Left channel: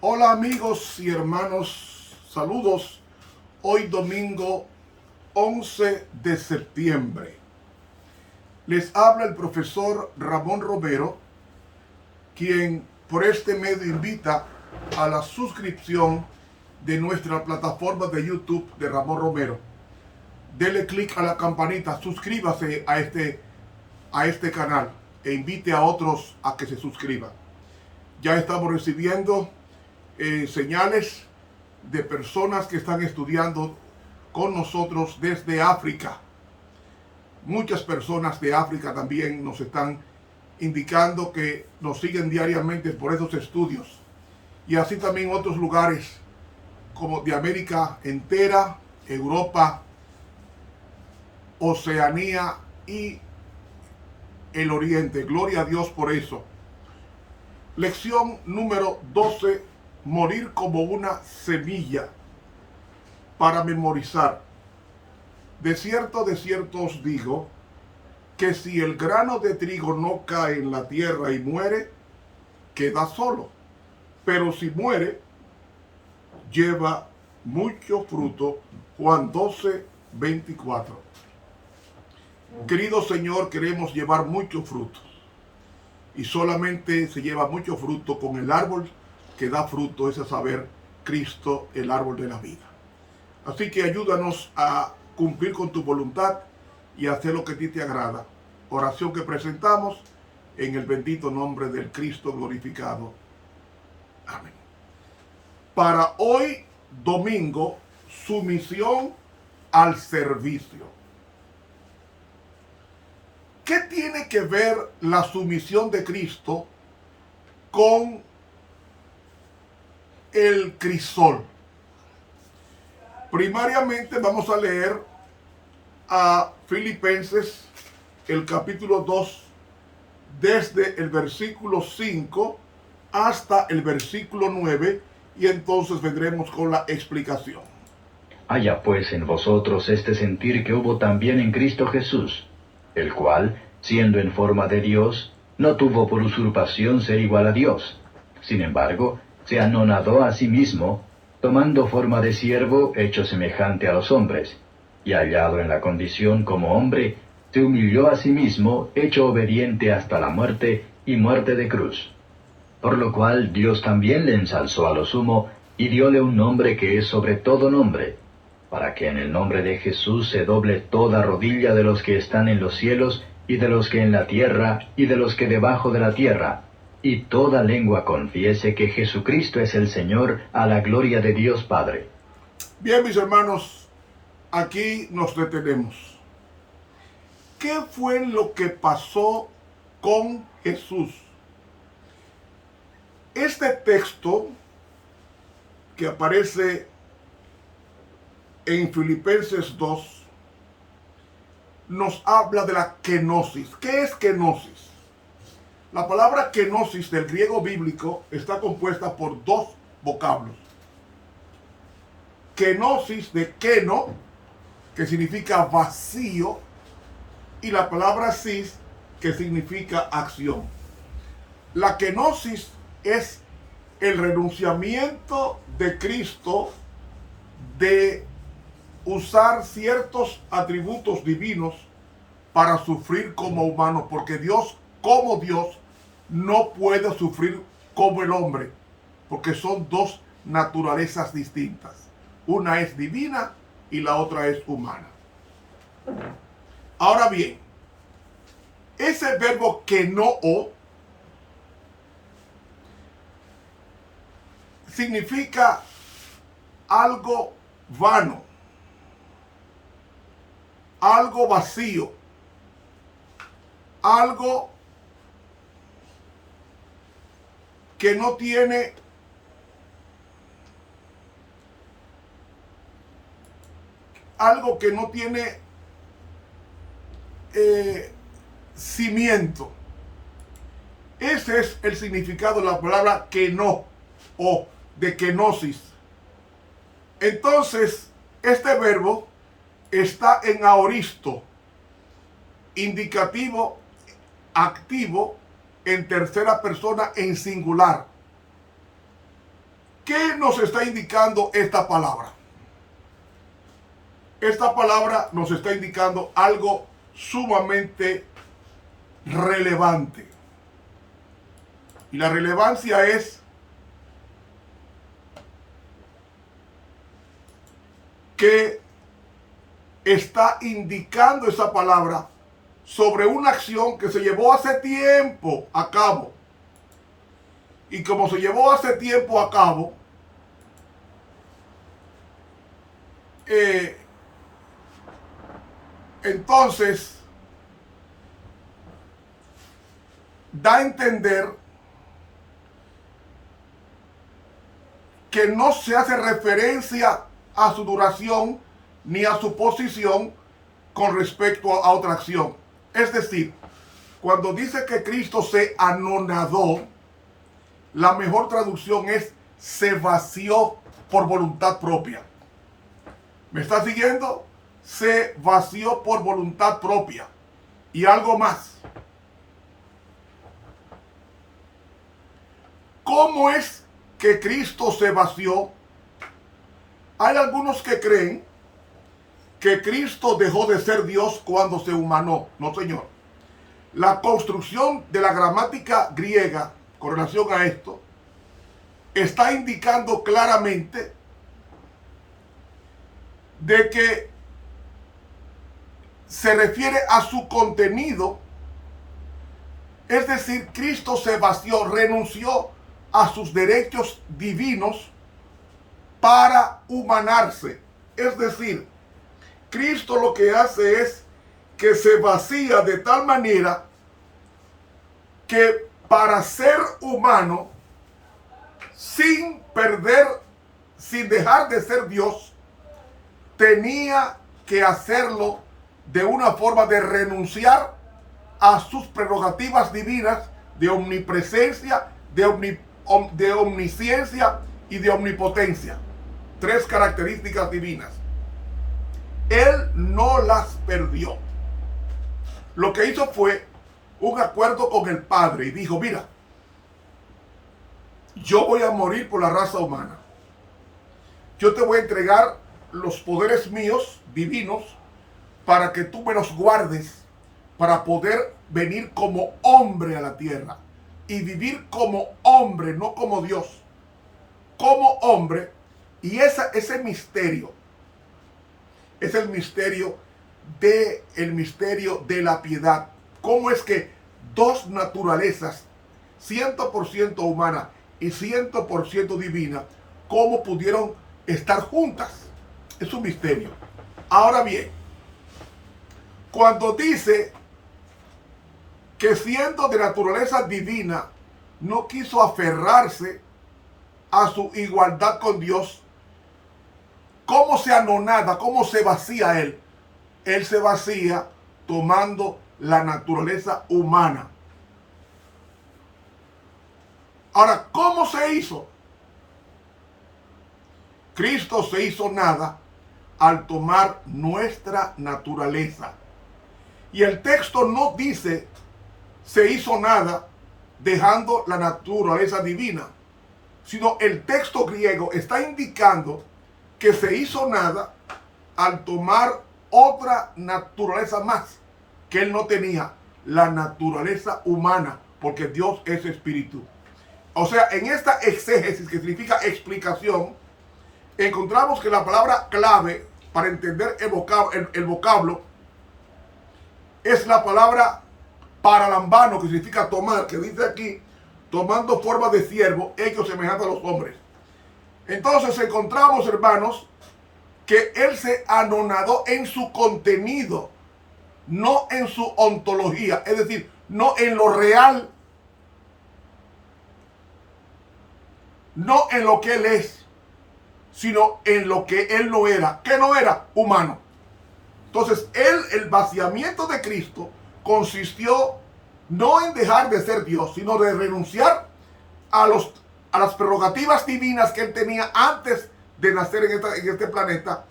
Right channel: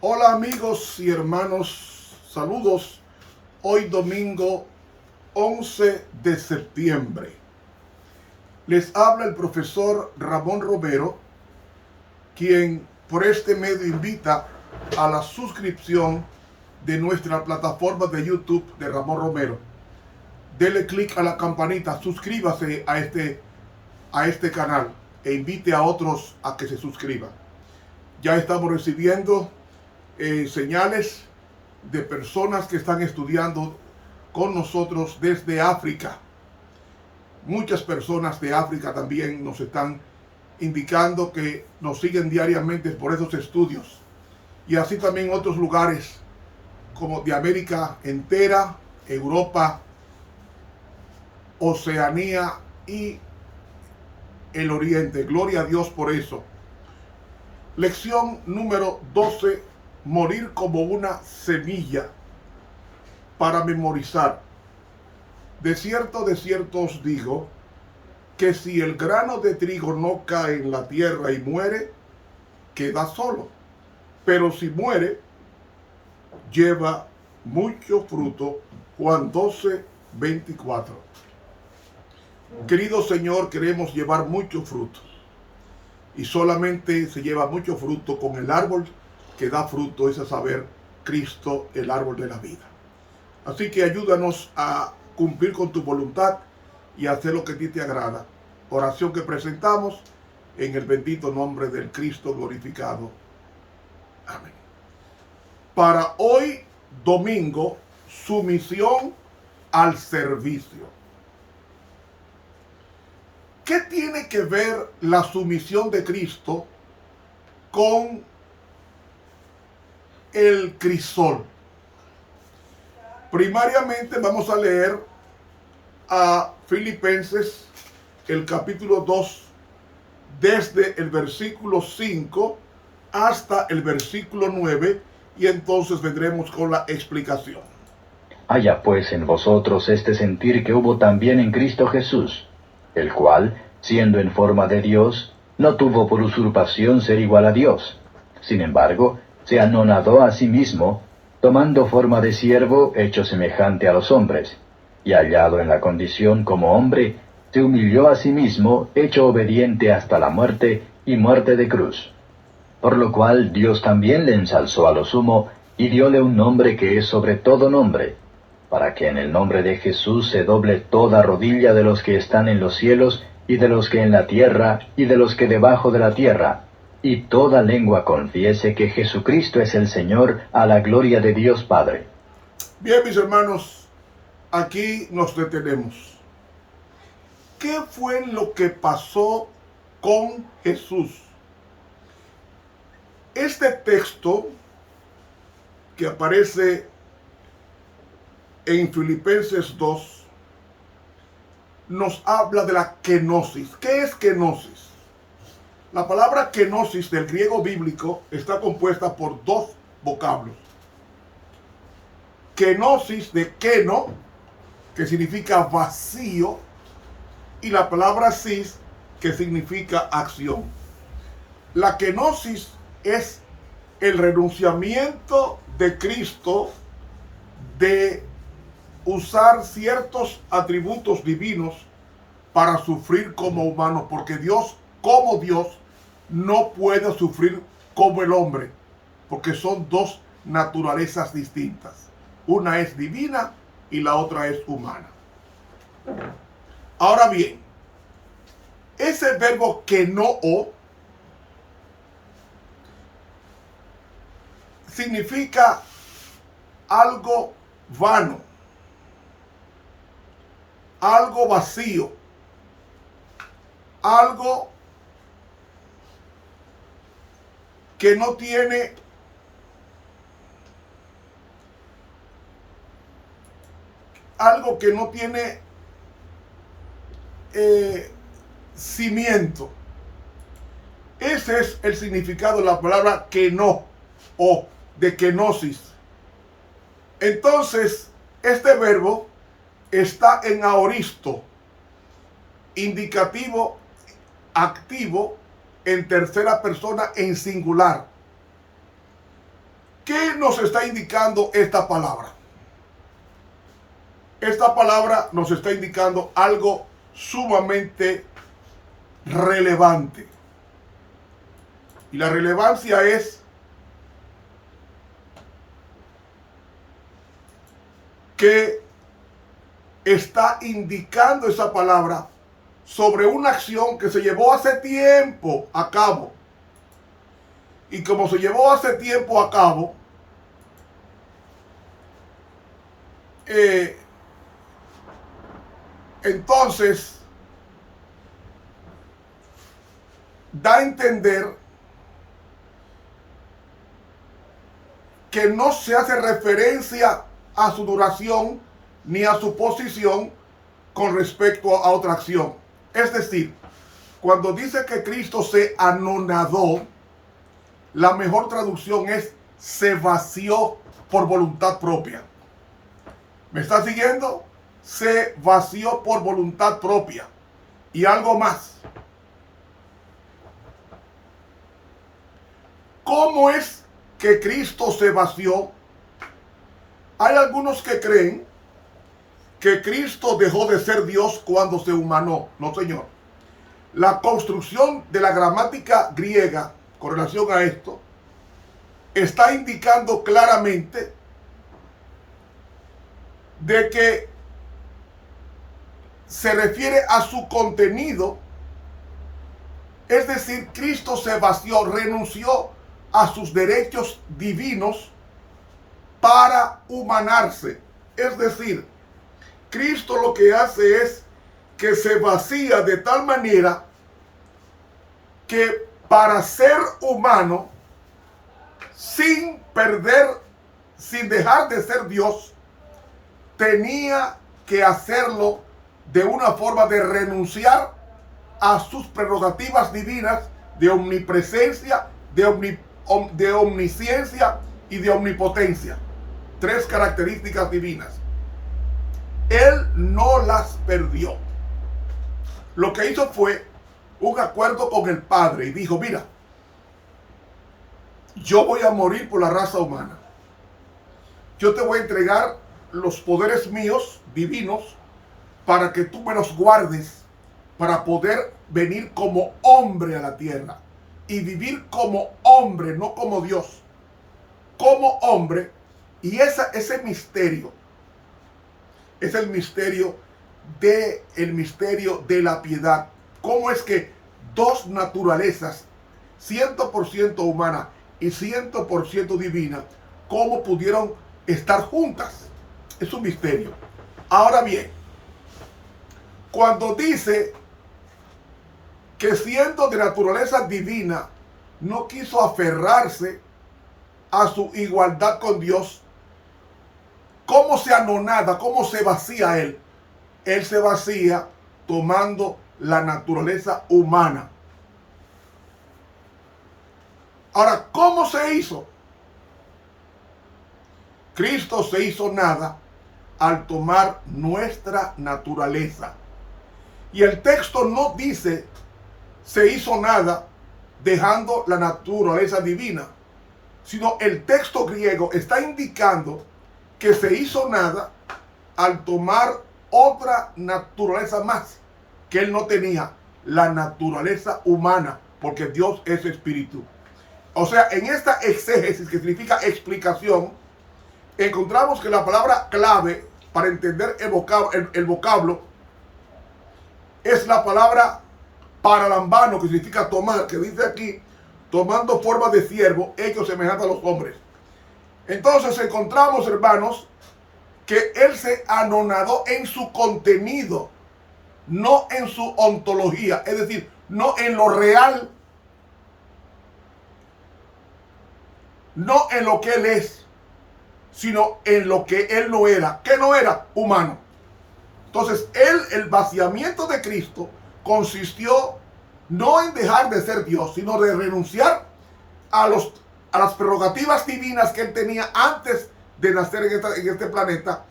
Hola amigos y hermanos, saludos. Hoy domingo 11 de septiembre. Les habla el profesor Ramón Romero, quien por este medio invita a la suscripción de nuestra plataforma de YouTube de Ramón Romero. Dele clic a la campanita, suscríbase a este canal e invite a otros a que se suscriban. Ya estamos recibiendo señales de personas que están estudiando con nosotros desde África. Muchas personas de África también nos están indicando que nos siguen diariamente por esos estudios. Y así también otros lugares como de América entera, Europa, Oceanía y el Oriente. Gloria a Dios por eso. Lección número 12. Morir como una semilla para memorizar. De cierto os digo, que si el grano de trigo no cae en la tierra y muere, queda solo. Pero si muere, lleva mucho fruto. Juan 12:24. Querido Señor, queremos llevar mucho fruto. Y solamente se lleva mucho fruto con el árbol que da fruto, es a saber, Cristo, el árbol de la vida. Así que ayúdanos a cumplir con tu voluntad y a hacer lo que a ti te agrada. Oración que presentamos en el bendito nombre del Cristo glorificado. Amén. Para hoy, domingo, sumisión al servicio. ¿Qué tiene que ver la sumisión de Cristo con el crisol? Primariamente vamos a leer a Filipenses el capítulo 2 desde el versículo 5 hasta el versículo 9 y entonces vendremos con la explicación. Haya pues en vosotros este sentir que hubo también en Cristo Jesús, el cual, siendo en forma de Dios, no tuvo por usurpación ser igual a Dios. Sin embargo, se anonadó a sí mismo, tomando forma de siervo hecho semejante a los hombres, y hallado en la condición como hombre, se humilló a sí mismo, hecho obediente hasta la muerte, y muerte de cruz. Por lo cual Dios también le ensalzó a lo sumo, y dióle un nombre que es sobre todo nombre, para que en el nombre de Jesús se doble toda rodilla de los que están en los cielos, y de los que en la tierra, y de los que debajo de la tierra, y toda lengua confiese que Jesucristo es el Señor, a la gloria de Dios Padre. Bien, mis hermanos, aquí nos detenemos. ¿Qué fue lo que pasó con Jesús? Este texto que aparece en Filipenses 2 nos habla de la kenosis. ¿Qué es kenosis? La palabra kenosis del griego bíblico está compuesta por dos vocablos. Kenosis de keno, que significa vacío, y la palabra sis, que significa acción. La kenosis es el renunciamiento de Cristo de usar ciertos atributos divinos para sufrir como humano, porque Dios, como Dios, no puede sufrir como el hombre, porque son dos naturalezas distintas. Una es divina y la otra es humana. Ahora bien, ese verbo kenoo significa algo vano, algo vacío, algo que no tiene cimiento. Ese es el significado de la palabra keno o de kenosis. Entonces, este verbo está en aoristo, indicativo, activo, en tercera persona en singular. ¿Qué nos está indicando esta palabra? Esta palabra nos está indicando algo sumamente relevante. Y la relevancia es que está indicando esa palabra sobre una acción que se llevó hace tiempo a cabo. Y como se llevó hace tiempo a cabo, entonces da a entender que no se hace referencia a su duración ni a su posición con respecto a otra acción. Es decir, cuando dice que Cristo se anonadó, la mejor traducción es se vació por voluntad propia. ¿Me está siguiendo? Se vació por voluntad propia. Y algo más. ¿Cómo es que Cristo se vació? Hay algunos que creen que Cristo dejó de ser Dios cuando se humanó. No, señor. La construcción de la gramática griega con relación a esto está indicando claramente de que se refiere a su contenido. Es decir, Cristo se vació, renunció a sus derechos divinos para humanarse. Es decir, Cristo lo que hace es que se vacía de tal manera que para ser humano, sin perder, sin dejar de ser Dios, tenía que hacerlo de una forma de renunciar a sus prerrogativas divinas de omnipresencia, de omnisciencia y de omnipotencia. 3 características divinas. Él no las perdió. Lo que hizo fue un acuerdo con el Padre y dijo, mira, yo voy a morir por la raza humana. Yo te voy a entregar los poderes míos, divinos, para que tú me los guardes, para poder venir como hombre a la tierra y vivir como hombre, no como Dios, como hombre. Y ese misterio es el misterio de la piedad. ¿Cómo es que dos naturalezas, 100% humana y 100% divina, cómo pudieron estar juntas? Es un misterio. Ahora bien, cuando dice que siendo de naturaleza divina, no quiso aferrarse a su igualdad con Dios, ¿cómo se anonada? ¿Cómo se vacía él? Él se vacía tomando la naturaleza humana. Ahora, ¿cómo se hizo? Cristo se hizo nada al tomar nuestra naturaleza. Y el texto no dice se hizo nada dejando la naturaleza divina, sino el texto griego está indicando que se hizo nada al tomar otra naturaleza más que él no tenía, la naturaleza humana, porque Dios es espíritu. O sea, en esta exégesis, que significa explicación, encontramos que la palabra clave para entender el vocablo es la palabra paralambano, que significa tomar, que dice aquí, tomando forma de siervo, hecho semejante a los hombres. Entonces encontramos, hermanos, que él se anonadó en su contenido, no en su ontología, es decir, no en lo real, no en lo que él es, sino en lo que él no era. ¿Qué no era? Humano. Entonces, el vaciamiento de Cristo consistió no en dejar de ser Dios, sino de renunciar a las prerrogativas divinas que él tenía antes de nacer en este planeta,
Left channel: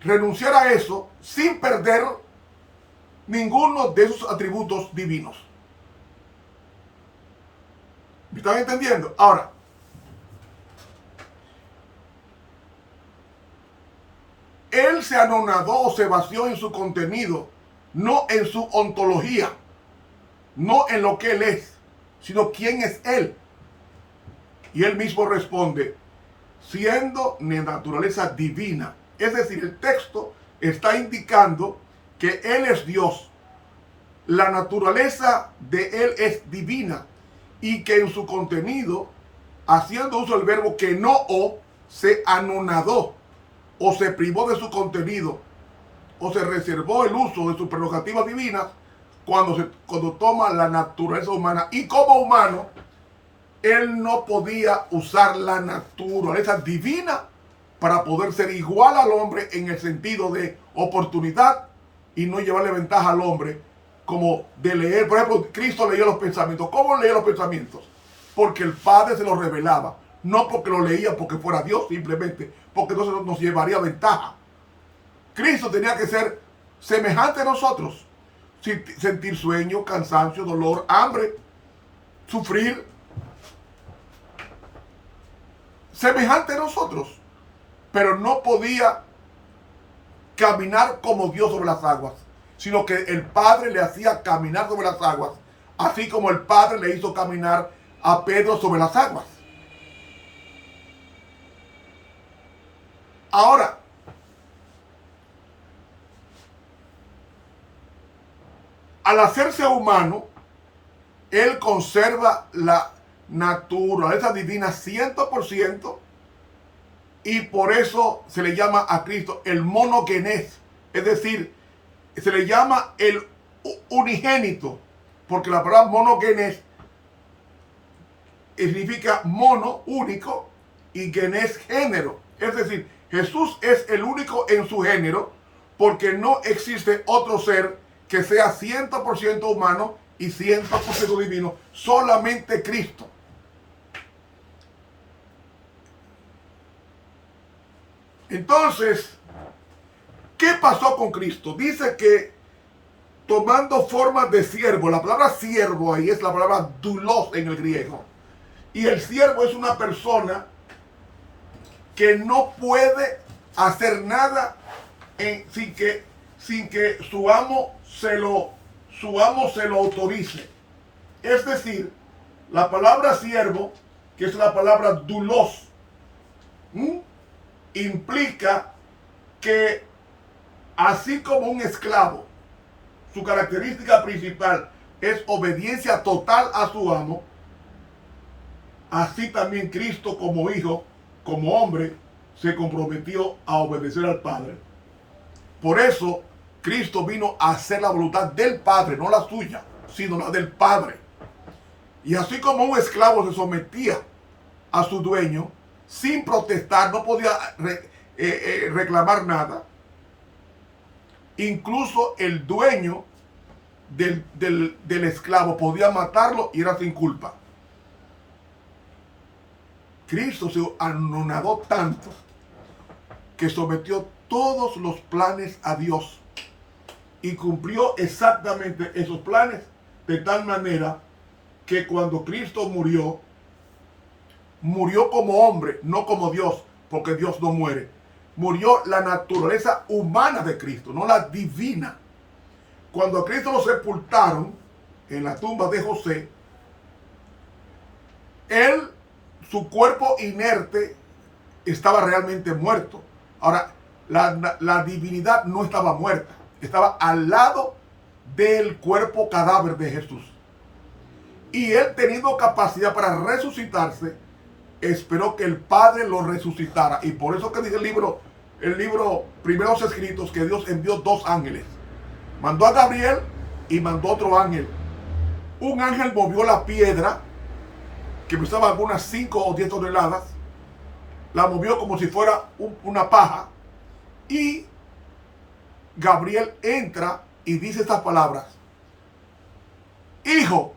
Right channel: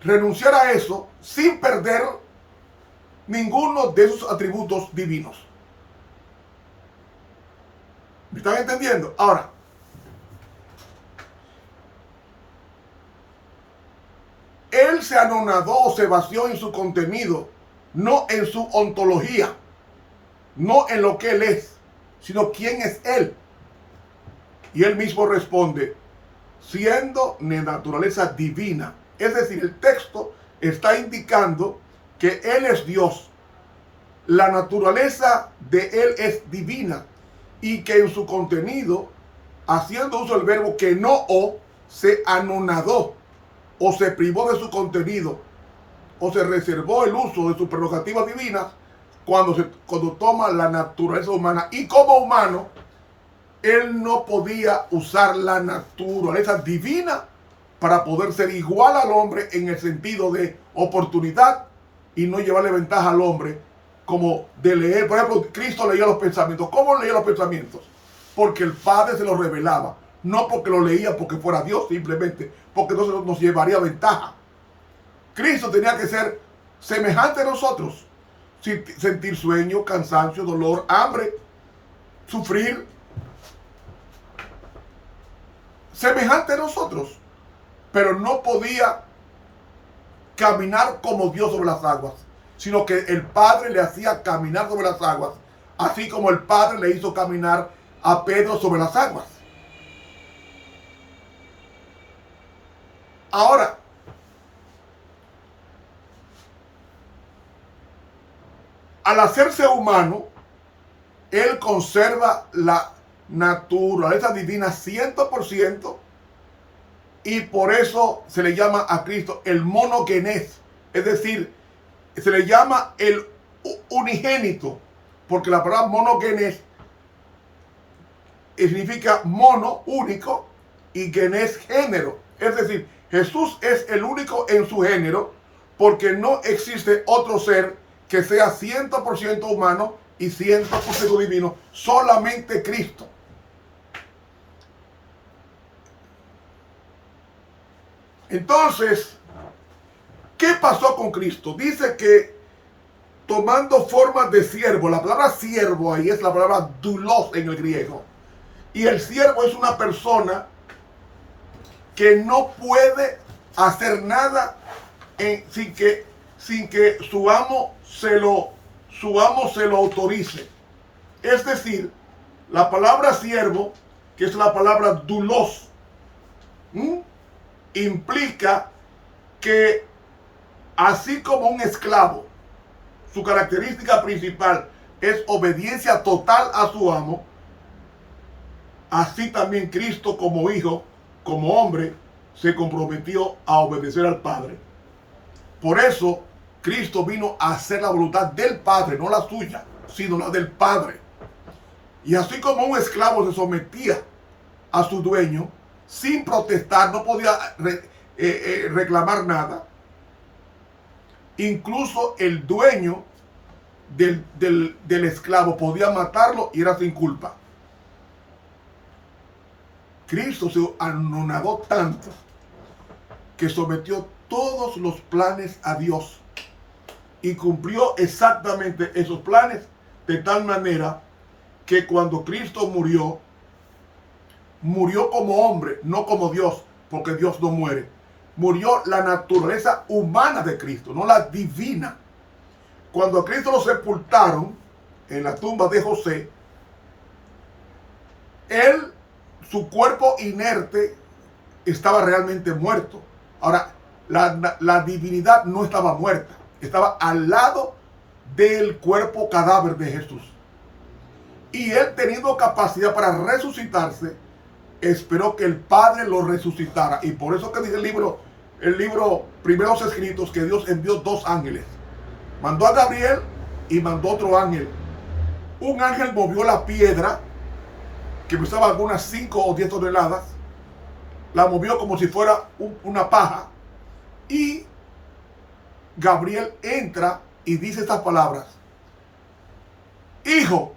renunciar a eso sin perder ninguno de sus atributos divinos. ¿Me están entendiendo? Ahora, él se anonadó o se vació en su contenido, no en su ontología, no en lo que él es, sino quién es él. Y él mismo responde, siendo de naturaleza divina. Es decir, el texto está indicando que él es Dios. La naturaleza de él es divina y que en su contenido, haciendo uso del verbo que no se anonadó o se privó de su contenido o se reservó el uso de sus prerrogativas divinas cuando toma la naturaleza humana. Y como humano, él no podía usar la naturaleza divina para poder ser igual al hombre en el sentido de oportunidad y no llevarle ventaja al hombre como de leer. Por ejemplo, Cristo leía los pensamientos. ¿Cómo leía los pensamientos? Porque el Padre se los revelaba. No porque lo leía porque fuera Dios, simplemente porque entonces nos llevaría ventaja. Cristo tenía que ser semejante a nosotros. Sentir sueño, cansancio, dolor, hambre, sufrir. Semejante a nosotros. Pero no podía caminar como Dios sobre las aguas, sino que el Padre le hacía caminar sobre las aguas, así como el Padre le hizo caminar a Pedro sobre las aguas. Ahora, al hacerse humano, él conserva la naturaleza divina 100%, y por eso se le llama a Cristo el monogenes, es decir, se le llama el unigénito, porque la palabra monogenes significa mono, único, y genes, género. Es decir, Jesús es el único en su género, porque no existe otro ser que sea 100% humano y 100% divino, solamente Cristo. Entonces, ¿qué pasó con Cristo? Dice que tomando forma de siervo, la palabra siervo ahí es la palabra doulos en el griego. Y el siervo es una persona que no puede hacer nada sin que su amo se lo autorice. Es decir, la palabra siervo, que es la palabra doulos, implica que así como un esclavo, su característica principal es obediencia total a su amo, así también Cristo como hijo, como hombre, se comprometió a obedecer al Padre. Por eso Cristo vino a hacer la voluntad del Padre, no la suya, sino la del Padre. Y así como un esclavo se sometía a su dueño sin protestar, no podía reclamar nada, incluso el dueño del esclavo podía matarlo y era sin culpa. Cristo se anonadó tanto que sometió todos los planes a Dios y cumplió exactamente esos planes de tal manera que cuando Cristo murió como hombre, no como Dios, porque Dios no muere. Murió la naturaleza humana de Cristo, no la divina. Cuando a Cristo lo sepultaron en la tumba de José, su cuerpo inerte estaba realmente muerto. Ahora, la divinidad no estaba muerta, estaba al lado del cuerpo cadáver de Jesús. Y él, teniendo capacidad para resucitarse, esperó que el Padre lo resucitara. Y por eso que dice el libro Primeros Escritos, que Dios envió 2 ángeles. Mandó a Gabriel y mandó otro ángel. Un ángel movió la piedra, que pesaba algunas 5 o 10 toneladas, la movió como si fuera una paja, y Gabriel entra y dice estas palabras: Hijo,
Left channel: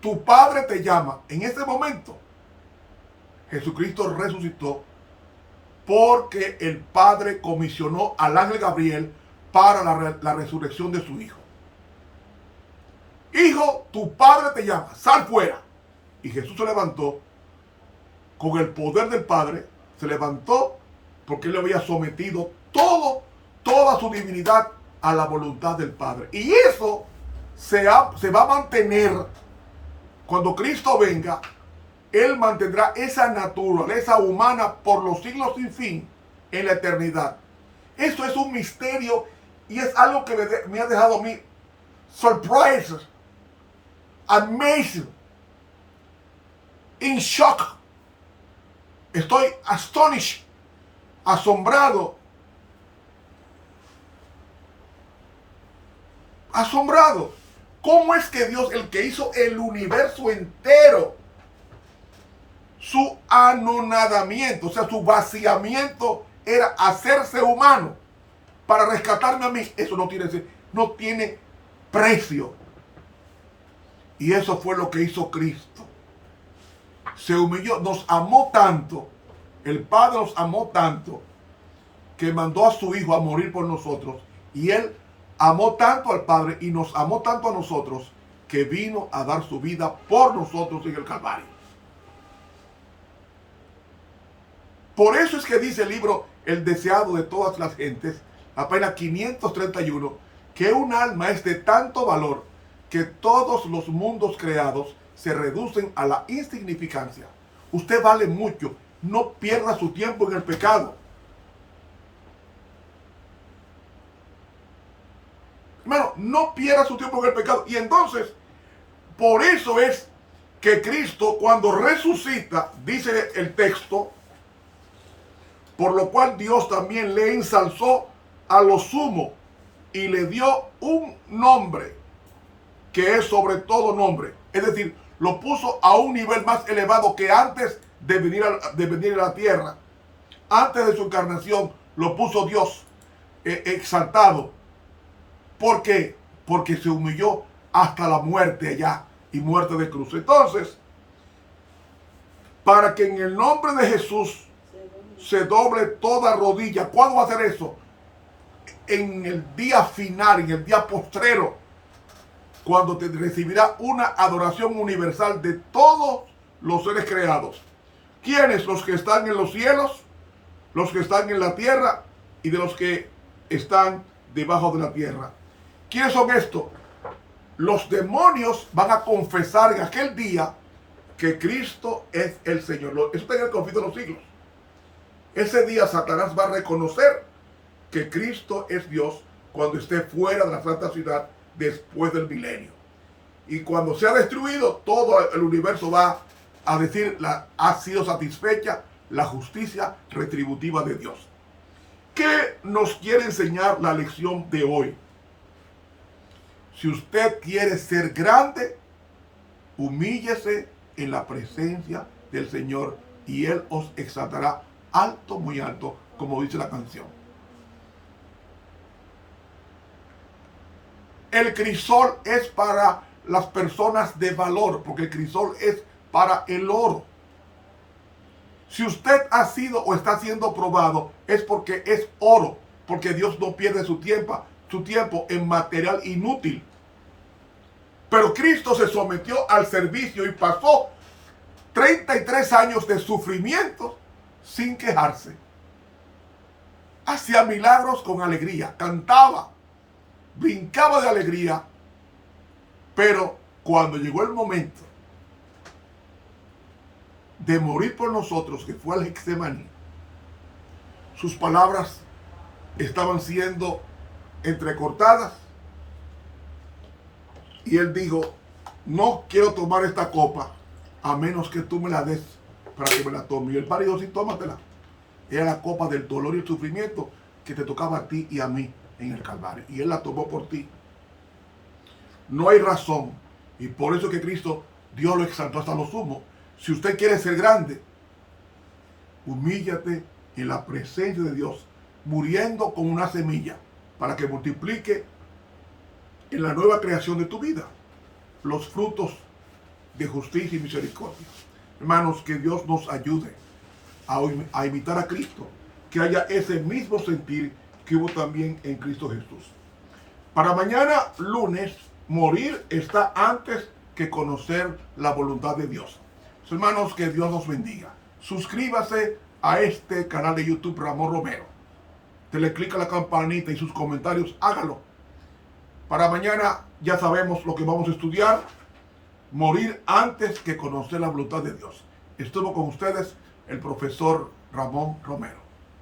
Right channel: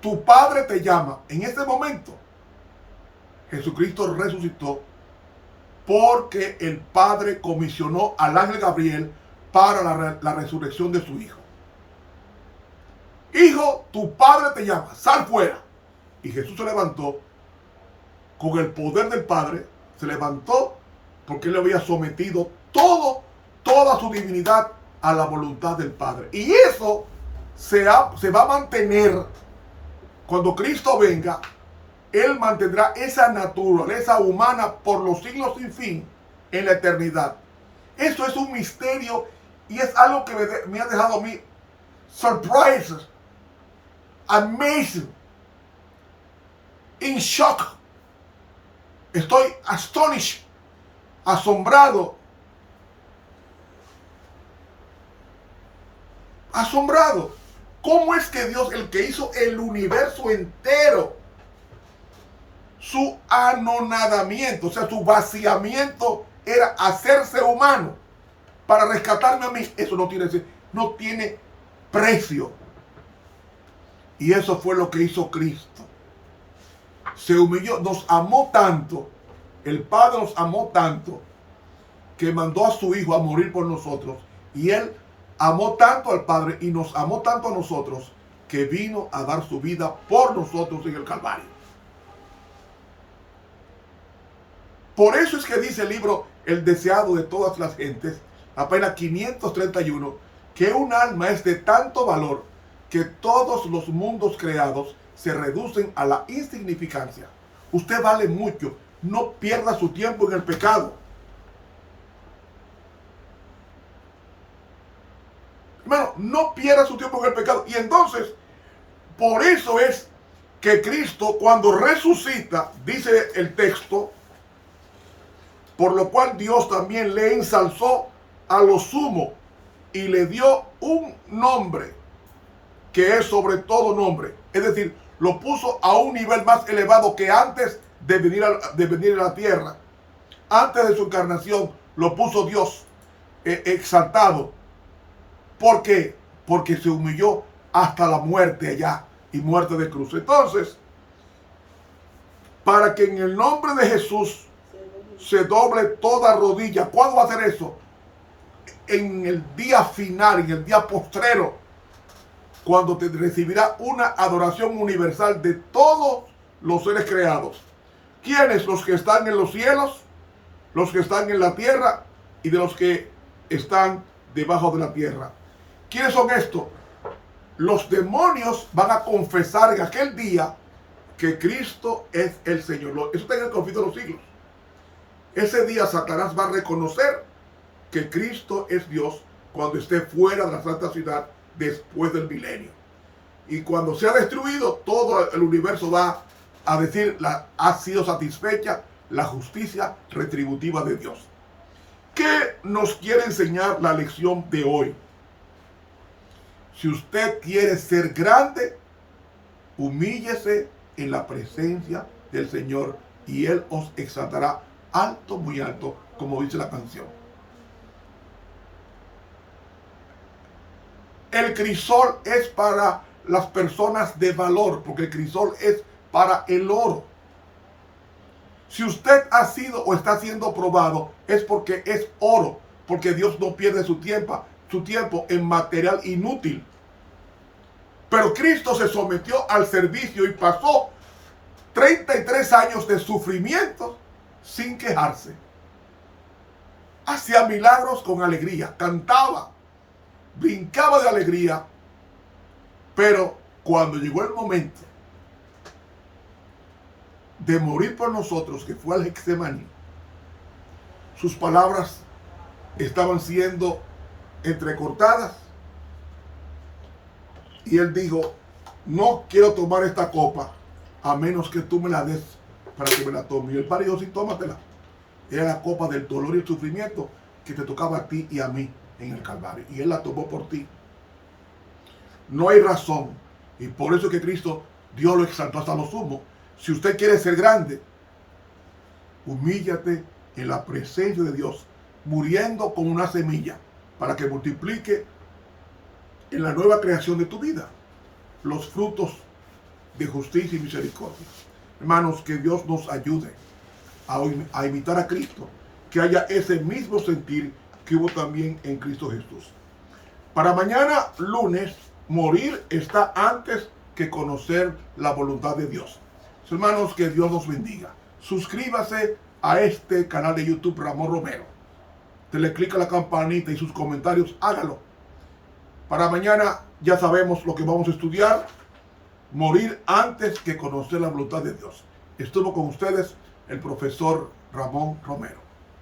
tu Padre te llama. En este momento, Jesucristo resucitó porque el Padre comisionó al ángel Gabriel para la resurrección de su Hijo. Hijo, tu Padre te llama, sal fuera. Y Jesús se levantó con el poder del Padre, se levantó porque él le había sometido toda su divinidad a la voluntad del Padre. Y eso se va a mantener cuando Cristo venga. Él mantendrá esa naturaleza humana por los siglos sin fin en la eternidad. Eso es un misterio y es algo que me ha dejado a mí surprises, amazing, in shock. Estoy astonished, asombrado. ¿Cómo es que Dios, el que hizo el universo entero, su anonadamiento, o sea, su vaciamiento era hacerse humano para rescatarme a mí? Eso no tiene precio. Y eso fue lo que hizo Cristo. Se humilló, nos amó tanto, el Padre nos amó tanto, que mandó a su Hijo a morir por nosotros. Y Él amó tanto al Padre y nos amó tanto a nosotros, que vino a dar su vida por nosotros en el Calvario. Por eso es que dice el libro El deseado de todas las gentes, apenas 531, que un alma es de tanto valor que todos los mundos creados se reducen a la insignificancia. Usted vale mucho. No pierda su tiempo en el pecado. Hermano, no pierda su tiempo en el pecado. Y entonces, por eso es que Cristo, cuando resucita, dice el texto, por lo cual Dios también le ensalzó a lo sumo y le dio un nombre que es sobre todo nombre. Es decir, lo puso a un nivel más elevado que antes de venir a la tierra. Antes de su encarnación lo puso Dios exaltado. ¿Por qué? Porque se humilló hasta la muerte allá, y muerte de cruz. Entonces, para que en el nombre de Jesús se doble toda rodilla. ¿Cuándo va a hacer eso? En el día final, en el día postrero, cuando te recibirá una adoración universal de todos los seres creados. ¿Quiénes? Los que están en los cielos, los que están en la tierra y de los que están debajo de la tierra. ¿Quiénes son estos? Los demonios van a confesar en aquel día que Cristo es el Señor. Eso está en el Conflicto de los Siglos. Ese día Satanás va a reconocer que Cristo es Dios cuando esté fuera de la santa ciudad después del milenio. Y cuando sea destruido, todo el universo va a decir, ha sido satisfecha la justicia retributiva de Dios. ¿Qué nos quiere enseñar la lección de hoy? Si usted quiere ser grande, humíllese en la presencia del Señor y Él os exaltará alto, muy alto, como dice la canción. El crisol es para las personas de valor, porque el crisol es para el oro. Si usted ha sido o está siendo probado, es porque es oro, porque Dios no pierde su tiempo en material inútil. Pero Cristo se sometió al servicio y pasó 33 años de sufrimiento sin quejarse. Hacía milagros con alegría, cantaba, brincaba de alegría, pero cuando llegó el momento de morir por nosotros, que fue al Getsemaní, sus palabras estaban siendo entrecortadas y él dijo: no quiero tomar esta copa a menos que tú me la des para que me la tome. Y el Padre dijo: sí, tómatela. Era la copa del dolor y el sufrimiento que te tocaba a ti y a mí en el Calvario, y Él la tomó por ti. No hay razón, y por eso que Cristo, Dios lo exaltó hasta lo sumo. Si usted quiere ser grande, humíllate en la presencia de Dios, muriendo con una semilla, para que multiplique en la nueva creación de tu vida los frutos de justicia y misericordia. Hermanos, que Dios nos ayude a imitar a Cristo, que haya ese mismo sentir que hubo también en Cristo Jesús. Para mañana, lunes, morir está antes que conocer la voluntad de Dios. Hermanos, que Dios los bendiga. Suscríbase a este canal de YouTube Ramón Romero. Dele clic a la campanita y sus comentarios, hágalo. Para mañana ya sabemos lo que vamos a estudiar. Morir antes que conocer la voluntad de Dios. Estuvo con ustedes el profesor Ramón Romero.